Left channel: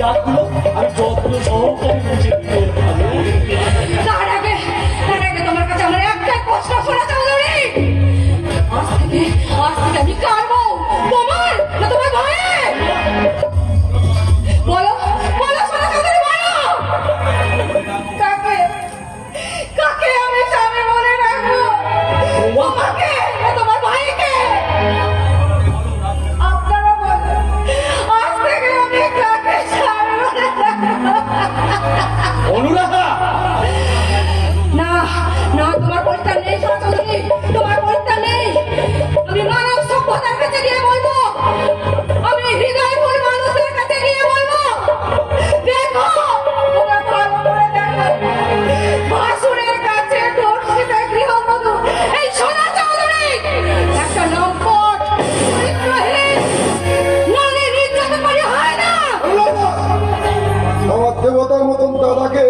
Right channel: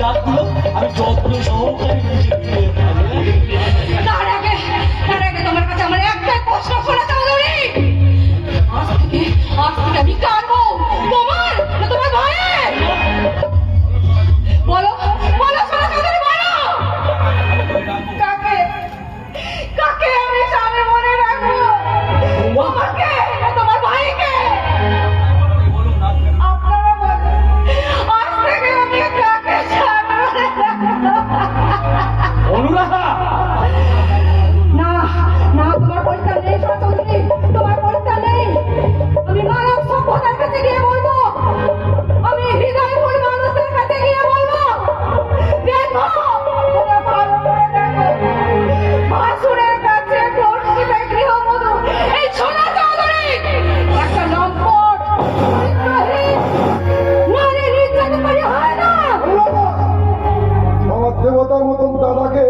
ডাকগুলো আমি যত্ন সহকারে বুঝে দিতে তার আগে তোমার কাছে আমার একটা প্রশ্ন শোনা চৌধুরী। আজ থেকে আমি কাঁদবো তোমার না তোমার ভাইয়ের? বলো বলো শোনা চৌধুরী, বলো কাকে কাকে আমি স্বামী মনে রাখবো, তোমাকে না তোমার ভাইকে? আপনারা বলেন আজ থেকে আমি কাকে স্বামী মনে রাখবো? অনুরাধা না না, তোমার পরিত্রাণ নেই শোনা চৌধুরী, তোমার পরিত্রাণ নেই। আমি মানব সভ্যতার কাছে গিয়ে বলবো, আমি হৃদয়ফুল মানুষদের কাছে গিয়ে বলবো, দেখো তোমরা ভালো করে দেখো, ভাসুরের কাছে দর্শিতা গৃহবধূ এই সোনা চৌধুরী একটা লম্পট চরিত্রহীন নারী নির্যাতনকারী হয় না। আমার দেবতার মতন দাদাকে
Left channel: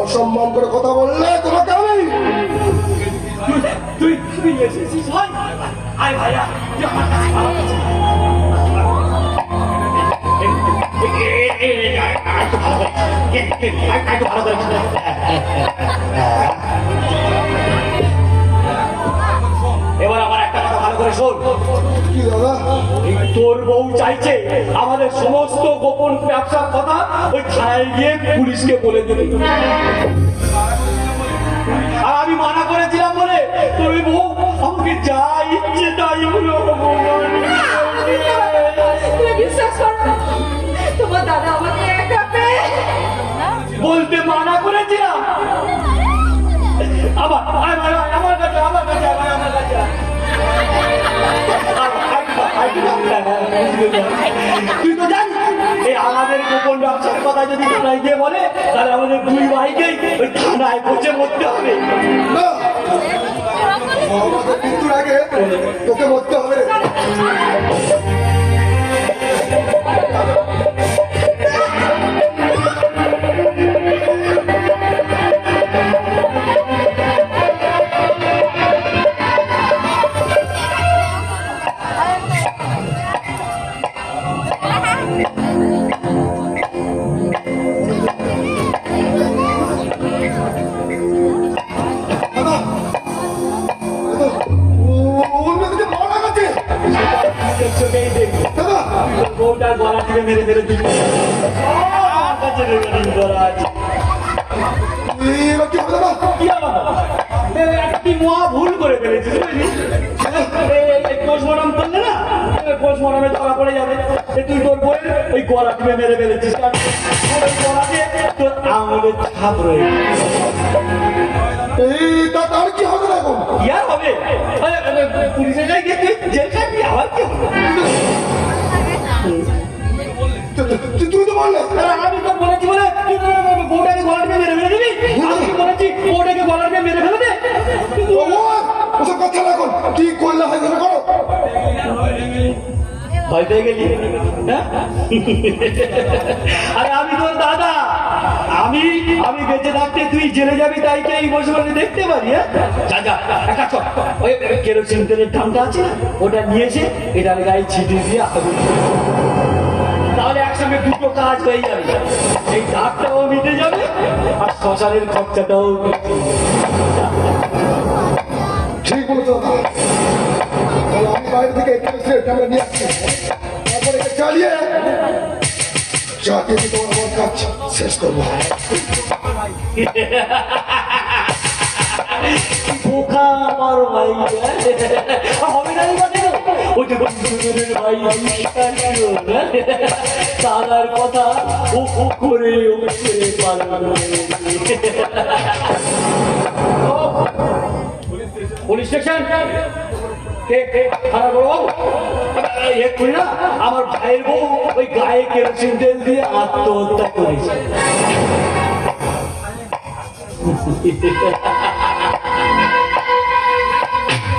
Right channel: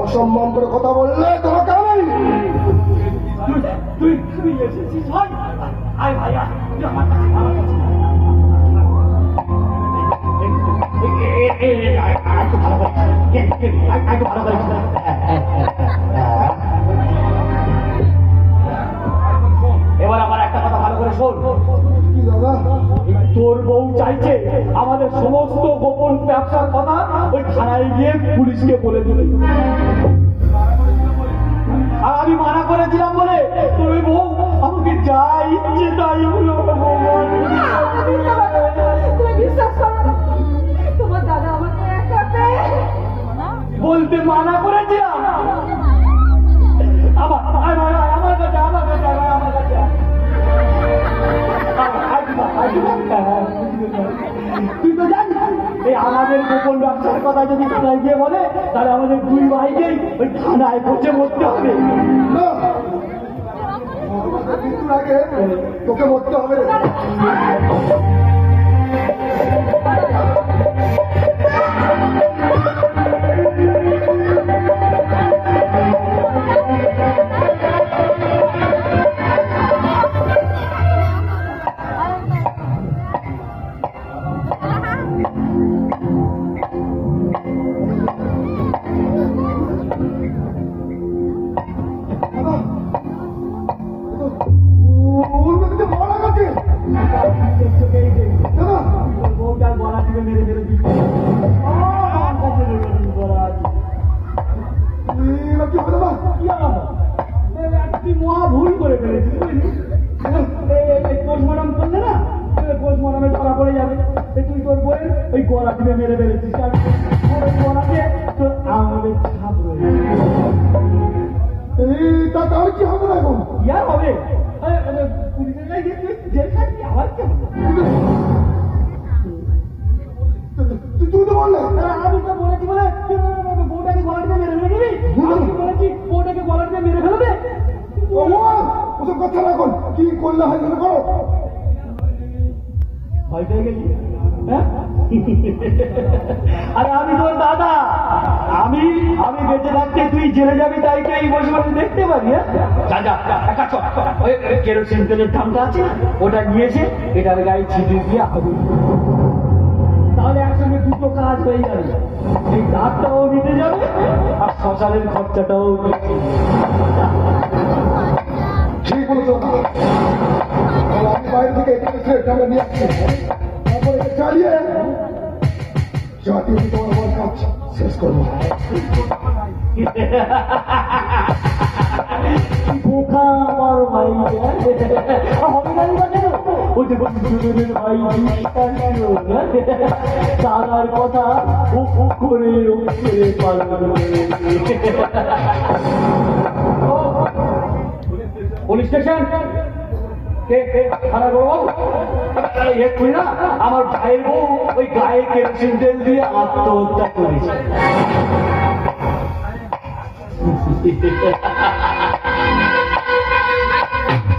অসম্মান করে কথা বললে তোমাকে আমি তুই এসেছিস ভাই? আয় ভাইয়া, তুই আমার কাছে ভালো আছিস? একটু ভালো করে একটু ভালো করে এবার আমার একটা কথা ভালো করে শোন। কি দাদা? তোর বউ চাইছে আমাদের সমস্ত গোপন ব্যবসার কথা ওই থানায় গিয়ে পুলিশকে বলে দিবি। আর আমি মানা করেছিলাম বলে তোর ওই বউ আমাকে যা ইচ্ছে তাই হলো। তুমি বিশ্বাস করো না, তোমার দাদা আমাকে একা পেয়ে বলতে মানা করেছিলাম। আবার আমার কাছে তুই তো জানিস এই আমাদের গোপন ব্যবসার কথা যদি থানায় গিয়ে বলে তাহলে আমাদের দুই ভাইকেই ওই থানায় পৌঁছে মরতে হবে। না, আমাদের মৃত্যুর আগে তোকে মরতে হবে। বউটার গলা টিপে মেরে মেরে দিবি। আমার কাছে রেকর্ডিং করা আছে। কি আমার একটি মহা ভুল করে ফেলেছিস বুঝলি? পোস্টমর্টম করলে না, পোস্টমর্টমে ধরা পড়ে যাবে তুই তোর বইয়ের ওই গলা টিপে মেরে ফেলেছিস। কারণ ওই গলাতে তোর আঙুলের ছাপ রয়ে তার কি হবে না? কি আর হবে? পুলিশের গায়ে গিয়ে তুই জেল খাবি, আবার কি হবে? তুই তো বললে আমি তো বলেছি বলে বউটাকে গলার মেরে মেরে দিবি। আমি বলেছি বউটাকে গলার মেরে ফেলে দে। ওসব কথা রাখুন, কি করলে হয় করো। ভয় পেয়ে গেলি? আরে আমি তোর দাদা, আমি বেঁচে থাকতে তুই জেলে যাবি তাই কি এই বসে বসে দেখতে পারি? যা যা একটা চল, ওই কেরোসিন তেলের দামটা আছে না ওটা নিয়েছে এটার গায়ে ছিটিয়ে দিয়ে আগুন, তাহলে একসঙ্গে দুটো কাজ হয়ে যাবে। এই দাগটাও মিটে যাবে আর শ্মশানের খরচাটাও ঠিক বলেছ দাদা। তাহলে আমি বাইরে থেকে আমরা নিয়ে আসছি, তারপরে চালিয়ে চাকরি তোমার আমার কাজ শেষ করবো। বোকা আমার ভাই হবে না ওই যে বন্ধুদের ভাই তার কথা ও করে পুলিশ স্টেশন আমার ভাইয়ের বউ ওই গায়ে কেরোসিন তেল দিয়ে আত্মহত্যা করেছে।